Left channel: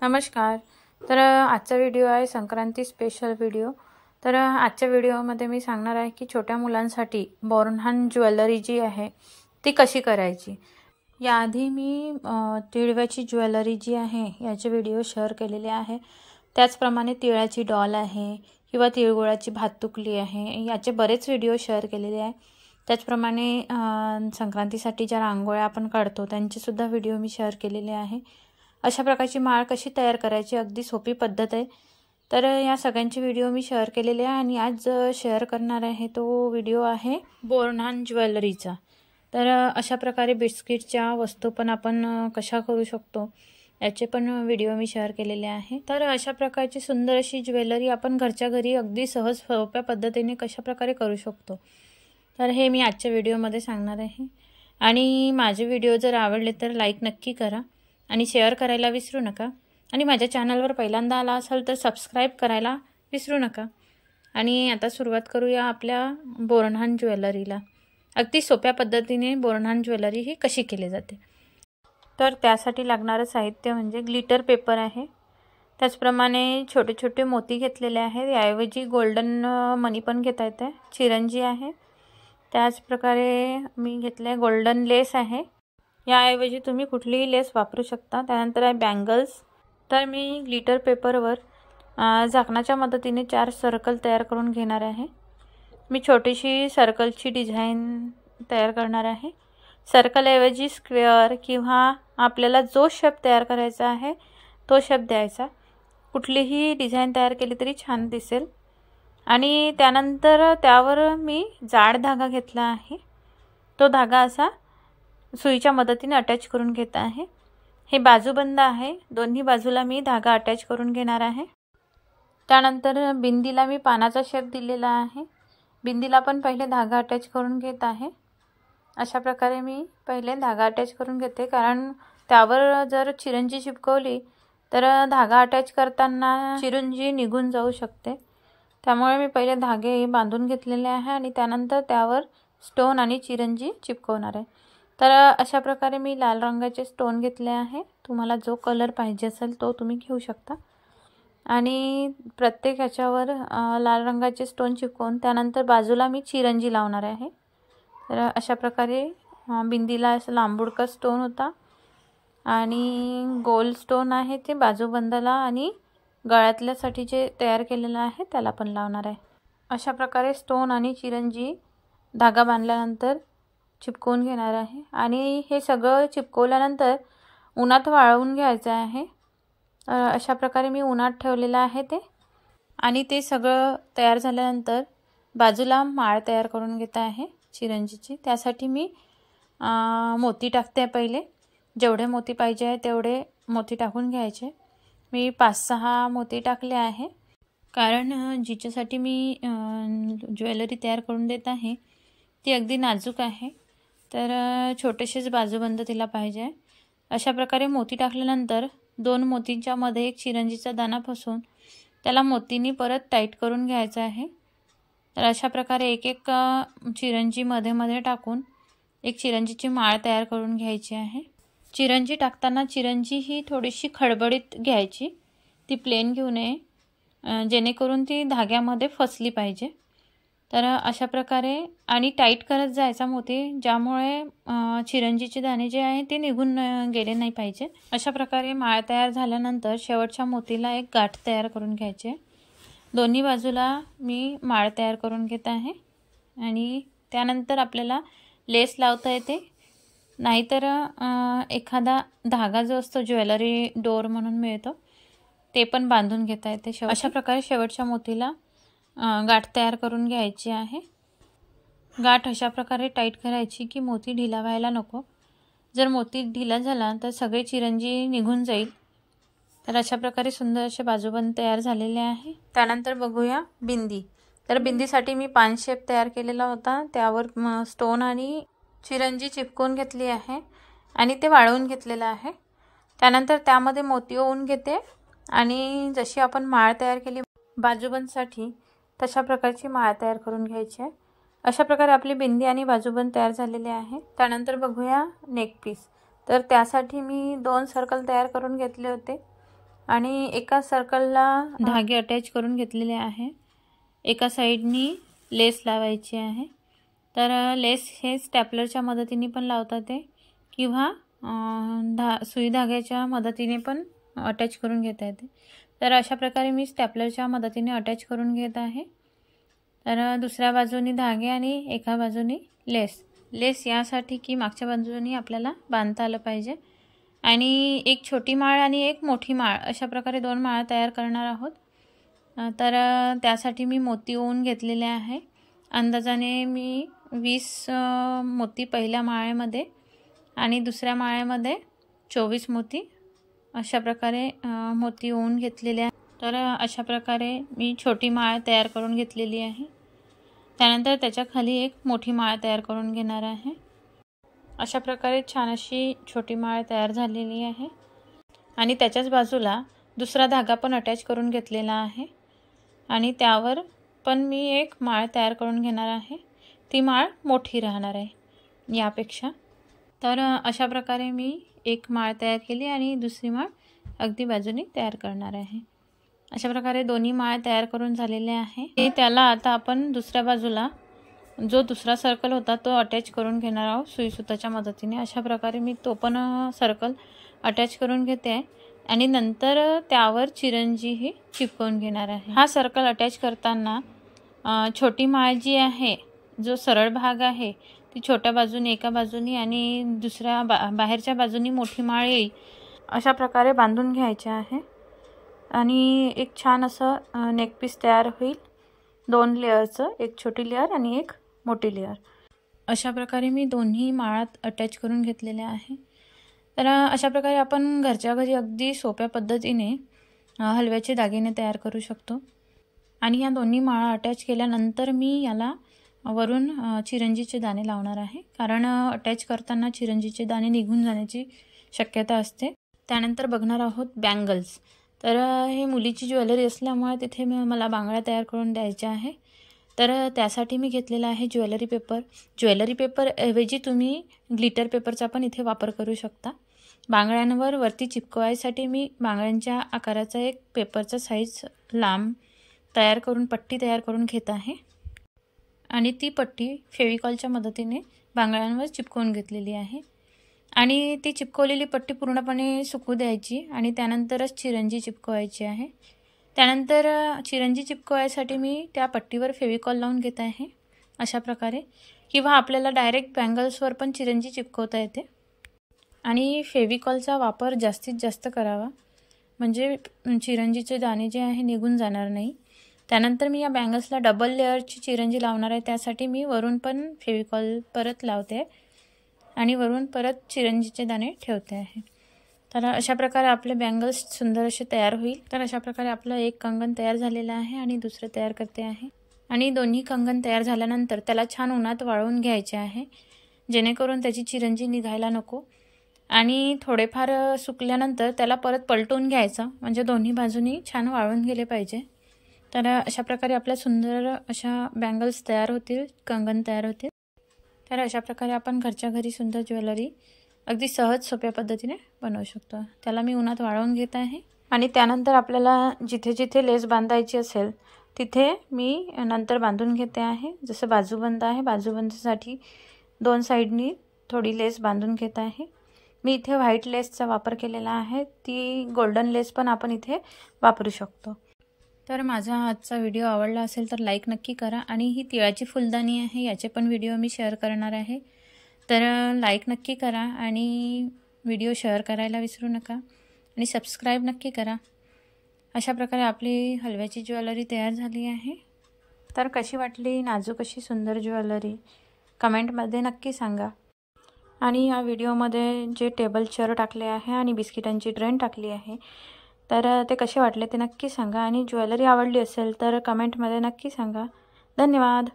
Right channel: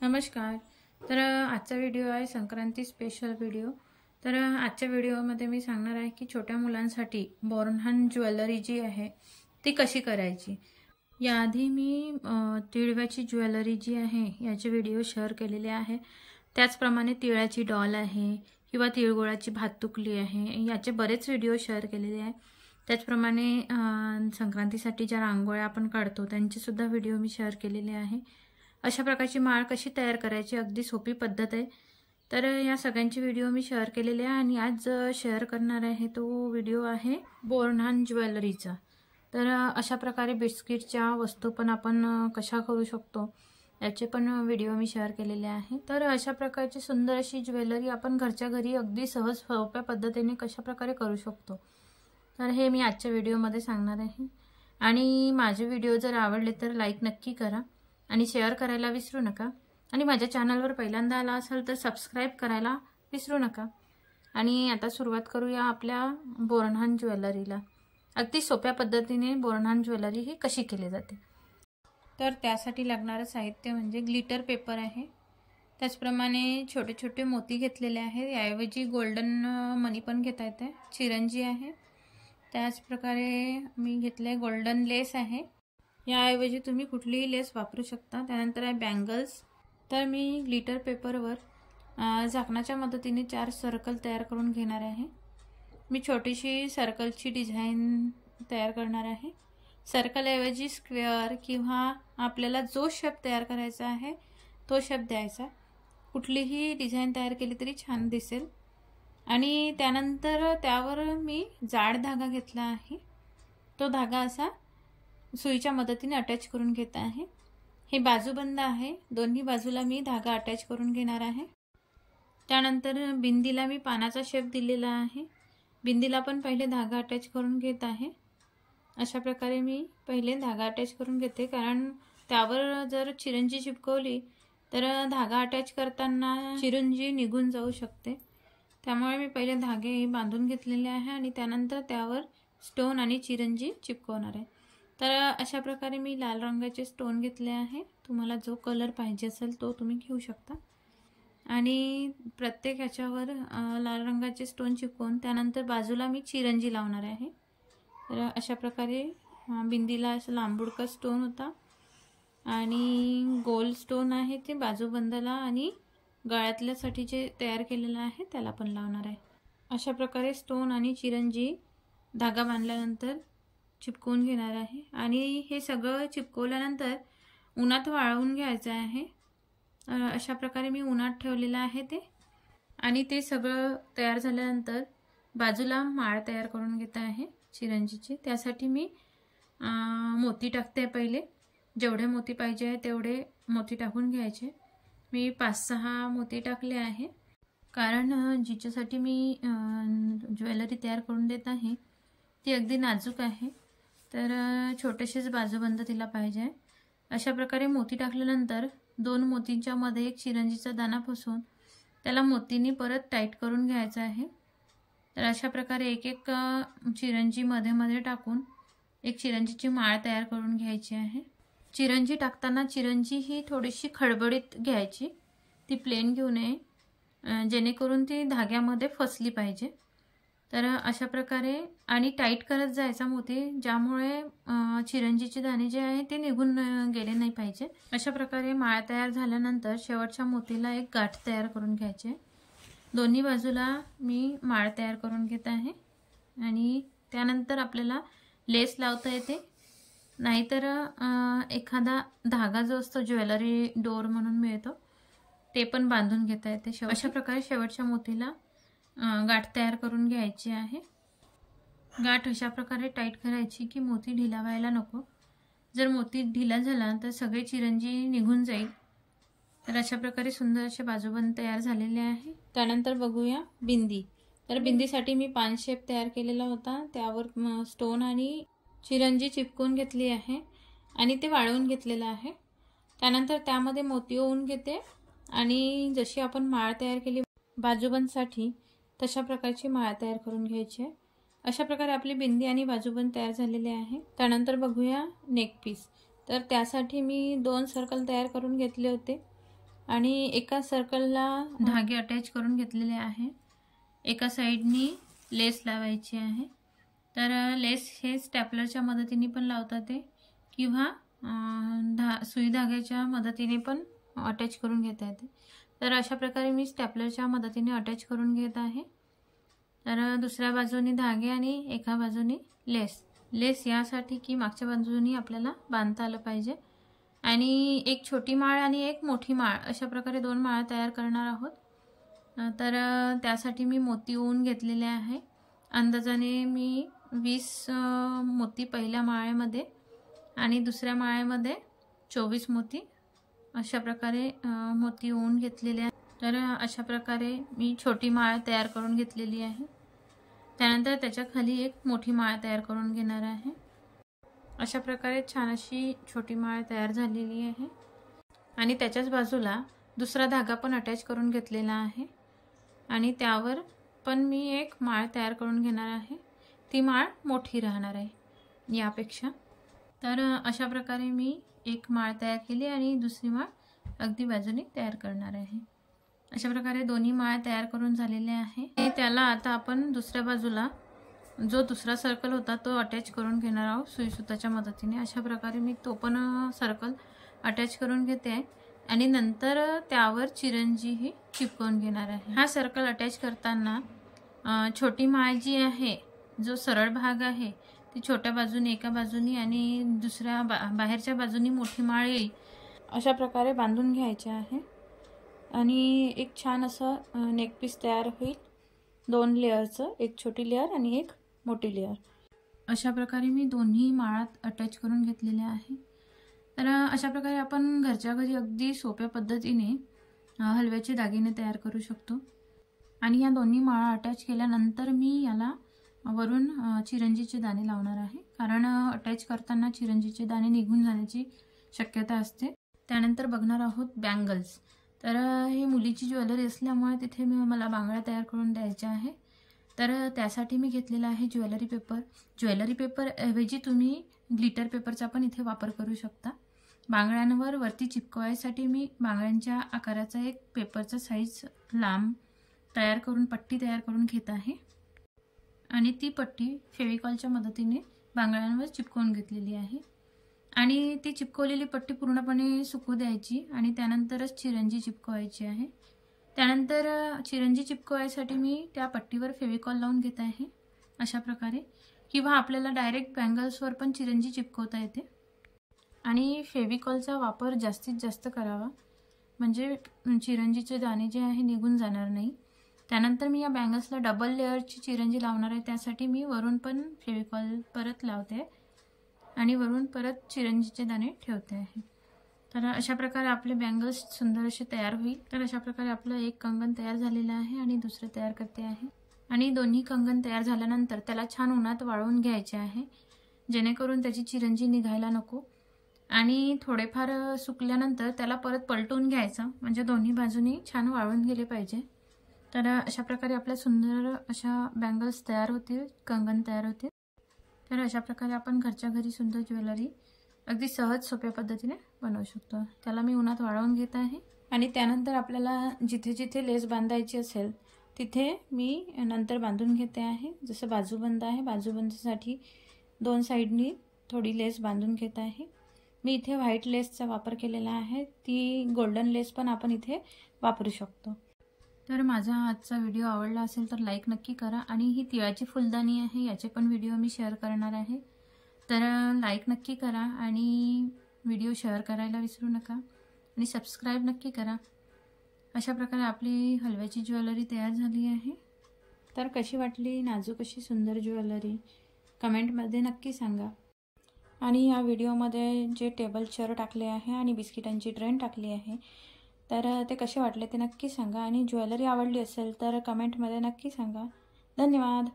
नमस्कार। तर आजचा व्हिडिओ आहे संक्रांती स्पेशल व्हिडिओ। तर आजच्या व्हिडिओमध्ये मी सांगणार आहे की छोट्या मुलांसाठी बोरन्हाण ज्वेलरी जी आहे ती कशी करायची। याआधी मी तिळव्याची ज्वेलरी जी आहे याचे व्हिडिओ शेअर केलेले आहे। त्याचप्रमाणे तिळाची डॉल आहे किंवा तिळगुळाची भातुकली आहे, याचे बरेच व्हिडिओ शेअर केलेले आहे। त्याचप्रमाणे संक्रांतीसाठी ज्या रांगोळ्या आपण काढतो त्यांचे सुद्धा व्हिडिओ मी शेअर केलेले आहे। अशा प्रकारची माळ कशी तयार करायची अगदी सोपी पद्धत आहे। तर या सगळ्यांचे व्हिडिओ मी शेअर केलेले आहे आणि आज शेअर करणार आहे तो व्हिडिओ आहे बोरन्हाण ज्वेलरीचा। तर अशा प्रकारे बिस्किटच्या वस्तू पण आपण कशा करू शकतो याचे पण व्हिडिओ मी शेअर केलेले आहे। तर अशा प्रकारची सुंदर अशी ज्वेलरी आपण घरच्या घरी अगदी सहज सोप्या पद्धतीने कशा प्रकारे करू शकतो, तर हे मी आजच्या व्हिडिओमध्ये सांगणार आहे। आणि माझे व्हिडिओ जर आवडले तर लाईक नक्की करा आणि शेअर करायला विसरू नका। आणि माझ्या चॅनलवर पहिल्यांदा आला असाल तर सबस्क्राइब करायला विसरू नका। आणि आता सुरुवात करूया आपल्या बोरन्हाण ज्वेलरीला। अगदी सोप्या पद्धतीने बोरन्हाण ज्वेलरी ही कशी केली जाते। तर त्यासाठी लागणारे साहित्य म्हणजे ग्लिटर पेपर आहे, त्याचप्रमाणे छोटे छोटे मोती घेतलेले आहेत, याऐवजी गोल्डन मनी पण घेता येते, चिरंजी आहे, त्याचप्रकारे मी घेतले गोल्डन लेस आहे, याऐवजी तुम्ही कुठलीही लेस वापरू शकता। त्यानंतर आहे बँगल्स। तर मी ग्लिटर पेपरवर झाकणाच्या मदतीने 4 सर्कल तयार करून घेणार आहे। मी छोटीशी सर्कलची डिझाईन तयार करणार आहे। सर्कल ऐवजी स्क्वेअर किंवा आपल्याला जो शेप तयार करायचा आहे तो शेप द्यायचा, कुठलीही डिझाईन तयार केली तरी छान दिसेल। आणि त्यानंतर त्यावर मी जाड धागा घेतला आहे, तो धागा असा सुईच्या मदतीने अटॅच करून घेत आहे। हे बाजूबंद आहे, दोन्ही बाजूला मी धागा अटॅच करून घेणार आहे। त्यानंतर बिंदीला मी पानाचा शेप दिलेला आहे, बिंदीला पण पहिले धागा अटॅच करून घेत आहे। अशा प्रकारे मी पहिले धागा अटॅच करून घेते, कारण त्यावर जर चिरंजी चिपकवली तर धागा अटॅच करताना चिरंजी निघून जाऊ शकते, त्यामुळे मी पहिले धागे बांधून घेतलेले आहे आणि त्यानंतर त्यावर स्टोन आणि चिरंजी चिपकवणार आहे। तर अशा प्रकारे मी लाल रंगाचे स्टोन घेतले आहे, तुम्हाला जो कलर पाहिजे असेल तो तुम्ही घेऊ शकता। आणि प्रत्येक ह्याच्यावर लाल रंगाचे स्टोन चिपकवून त्यानंतर बाजूला मी चिरंजी लावणार आहे। तर अशा प्रकारे बिंदीला असं लांबुडका स्टोन होता आणि गोल स्टोन आहे ते बाजूबंदाला आणि गळ्यातल्यासाठी जे तयार केलेलं आहे त्याला पण लावणार आहे। अशा प्रकारे स्टोन आणि चिरंजी धागा बांधल्यानंतर चिपकवून घेणार आहे आणि हे सगळं चिपकवल्यानंतर उन्हात वाळवून घ्यायचं आहे। अशा प्रकारे मी उन्हात ठेवलेलं आहे ते। आणि ते सगळं तयार झाल्यानंतर बाजूला माळ तयार करून घेत आहे चिरंजीची। त्यासाठी मी मोती टाकते, पहिले जेवढे मोती पाहिजे आहे तेवढे मोती टाकून घ्यायचे। मी 5-6 मोती टाकले आहे, कारण जिच्यासाठी मी ज्वेलरी तयार करून देत आहे ती अगदी नाजूक आहे, तर छोटेसेच बाजूबंद तिला पाहिजे। अशा प्रकारे मोती टाकल्यानंतर 2 मोतींच्या मध्ये एक चिरंजीचा दाणा फसवून त्याला मोतींनी परत टाईट करून घ्यायचा आहे। तर अशा प्रकारे एक एक चिरंजी मध्ये मध्ये टाकून एक चिरंजीची माळ तयार करून घ्यायची आहे। चिरंजी टाकताना चिरंजी ही थोडीशी खडबडीत घ्यायची, ती प्लेन घेऊ नये, जेणेकरून ती धाग्यामध्ये फसली पाहिजे। तर अशा प्रकारे आणि टाईट करत जायचा मोती, ज्यामुळे चिरंजीचे दाणे जे आहे ते निघून गेले नाही पाहिजे। अशा प्रकारे माळ तयार झाल्यानंतर शेवटच्या मोतीला एक गाठ तयार करून घ्यायचे। दोन्ही बाजूला मी माळ तयार करून घेत आहे आणि त्यानंतर आपल्याला लेस लावता येते, नाहीतर एखादा धागा जो असतो ज्वेलरी डोर म्हणून मिळतो ते पण बांधून घेता येते। अशा प्रकारे शेवटच्या मोतीला गाठ तयार करून घ्यायची आहे। गाठ अशा प्रकारे टाईट करायची की मोती ढिला व्हायला नको, जर मोती ढिला झाला तर सगळे चिरंजी निघून जाईल। तर अशा प्रकारे सुंदर असे बाजूबंद तयार झालेले आहे। त्यानंतर बघूया बिंदी। तर बिंदीसाठी मी पान शेप तयार केलेला होता, त्यावर स्टोन आणि चिरंजी चिपकवून घेतली आहे आणि ते वाळवून घेतलेलं आहे। त्यानंतर त्यामध्ये मोती ओवून घेते आणि जशी आपण माळ तयार केली बाजूबंदसाठी तशा प्रकारची माळ तयार करून घ्यायची आहे। अशा प्रकारे आपली बिंदी आणि बाजूबंद तयार झालेले आहे। त्यानंतर बघूया नेक पीस। तर त्यासाठी मी 2 सर्कल तयार करून घेतले होते आणि एका सर्कलला धागे अटॅच करून घेतलेले आहे. एका साईडनी लेस लावायची आहे. तर लेस हे स्टॅपलरच्या मदतीने पण लावतात किंवा सुई धाग्याच्या मदतीने पण अटॅच करून घेता येते. तर अशा प्रकारे मी स्टॅपलरच्या मदतीने अटॅच करून घेत आहे. तर दुसऱ्या बाजूनी धागे आणि एका बाजूनी लेस यासाठी की मागच्या बाजूनी आपल्याला बांधता आलं पाहिजे. आणि एक छोटी माळ आणि एक मोठी माळ अशा प्रकारे 2 माळा तयार करणार आहोत. तर त्यासाठी मी मोती ओवून घेतलेले आहे. अंदाजाने मी 20 मोती पहिल्या माळ्यामध्ये आणि दुसऱ्या माळ्यामध्ये 24 मोती अशा प्रकारे मोती ओवून घेतलेले आहे. तर अशा प्रकारे मी छोटी माळ तयार करून घेतलेली आहे. त्यानंतर त्याच्या खाली एक मोठी माळ तयार करून घेणार आहे. अशा प्रकारे छान अशी छोटी माळ तयार झालेली आहे. आणि त्याच्याच बाजूला दुसरा धागा पण अटॅच करून घेतलेला आहे. आणि त्यावर पण मी एक माळ तयार करून घेणार आहे. ती माळ मोठी राहणार आहे यापेक्षा. तर अशा प्रकारे मी एक माळ तयार केली आणि दुसरी माळ अगदी बाजूने तयार करणार आहे. अशा प्रकारे दोन्ही माळ तयार करून झालेले आहे. त्याला आता आपण दुसऱ्या बाजूला जो दुसरा सर्कल होता तो अटॅच करून घेणार आहोत सुई सुताच्या मदतीने. अशा प्रकारे मी तो पण सर्कल अटॅच करून घेते आहे आणि नंतर त्यावर चिरंजी ही चिपकवून घेणार आहे. हा सर्कल अटॅच करताना छोटी माळ जी आहे, जो सरळ भाग आहे, ती छोट्या बाजूने एका बाजूनी आणि दुसऱ्या बाहेरच्या बाजूनी मोठी माळ येईल अशा प्रकारे बांधून घ्यायचे आहे. आणि एक छान असं नेकपीस तयार होईल 2 लेअरचं, एक छोटी लेअर आणि एक मोठी लेअर. अशा प्रकारे मी दोन्ही माळात अटॅच करून घेतलेले आहे. तर अशा प्रकारे आपण घरच्या घरी अगदी सोप्या पद्धतीने हलव्याचे दागिने तयार करू शकतो. आणि या दोन्ही माळा अटॅच केल्यानंतर मी याला वरून चिरंजीचे दाणे लावणार आहे. कारण अटॅच करताना चिरंजीचे दाणे निघून जाण्याची शक्यता असते. त्यानंतर बघणार आहोत बँगल्स. तर हे मुलीची ज्वेलरी असल्यामुळे तिथे मला बांगड्या तयार करून द्यायच्या आहे. तर त्यासाठी मी घेतलेला आहे ज्वेलरी पेपर. ज्वेलरी पेपर ऐवजी तुम्ही ग्लिटर पेपरचा पण इथे वापर करू शकता. बांगड्यांवर वरती चिपकवायसाठी मी बांगड्यांच्या आकाराचा एक पेपरचा साईज लांब तयार करून पट्टी तयार करून घेत आहे. आणि ती पट्टी फेविकॉलच्या मदतीने बांगड्यांवर चिपकवून घेतलेली आहे. आणि ती चिपकवलेली पट्टी पूर्णपणे सुकू द्यायची आणि त्यानंतरच चिरंजी चिपकवायची आहे. त्यानंतर चिरंजी चिपकवायसाठी मी त्या पट्टीवर फेविकॉल लावून घेत आहे अशा प्रकारे. किंवा आपल्याला डायरेक्ट बँगल्सवर पण चिरंजी चिपकवता येते. आणि फेविकॉलचा वापर जास्तीत जास्त करावा म्हणजे चिरंजीचे दाणे जे आहे निघून जाणार नाही. त्यानंतर मी या बँगल्सला डबल लेअरची चिरंजी लावणार आहे. त्यासाठी मी वरून पण फेविकॉल परत लावते आणि वरून परत चिरंजीचे दाणे ठेवते आहे. तर अशा प्रकारे आपले बँगल्स सुंदर असे तयार होईल. तर अशा प्रकारे आपलं एक कंगन तयार झालेलं आहे आणि दुसरं तयार करते आहे. आणि दोन्ही कंगन तयार झाल्यानंतर त्याला छान उन्हात वाळवून घ्यायचे आहे जेणेकरून त्याची चिरंजी निघायला नको. आणि थोडेफार सुकल्यानंतर त्याला परत पलटून घ्यायचं म्हणजे दोन्ही बाजूनी छान वाळून गेले पाहिजे. तर अशा प्रकारे आपल्या सुंदर अशा बँगल्स तयार होतील, कंगन तयार होतील. तर अशा प्रकारे आपण घरच्या घरी सुंदर ज्वेलरी अगदी सहज सोप्या पद्धतीने बनवू शकतो. त्याला मी उन्हात वाळवून घेत आहे. आणि त्यानंतर आपल्याला जिथे जिथे लेस बांधायची असेल तिथे मी नंतर बांधून घेते आहे. जसं बाजूबंद आहे, बाजूबंदसाठी 2 साईडनी थोडी लेस बांधून घेत आहे. मी इथे व्हाईट लेसचा वापर केलेला आहे. ती गोल्डन लेस पण आपण इथे वापरू शकतो. तर माझा आजचा व्हिडिओ आवडला असेल तर लाईक नक्की करा. आणि ही तिळाची फुलदाणी आहे, याचे पण व्हिडिओ मी शेअर करणार आहे. तर लाईक नक्की करा आणि व्हिडिओ शेअर करायला विसरू नका आणि सबस्क्राईब नक्की करा. अशा प्रकारे आपली हलव्याची ज्वेलरी तयार झाली आहे. तर कशी वाटली नाजूक अशी सुंदर ज्वेलरी कमेंटमध्ये नक्की सांगा. आणि या व्हिडिओमध्ये जे टेबल चेअर टाकले आहे आणि बिस्किटांची ट्रेन टाकली आहे तर ते कसे वाटले ते नक्की सांगा. आणि ज्वेलरी आवडली असेल तर कमेंटमध्ये नक्की सांगा. धन्यवाद.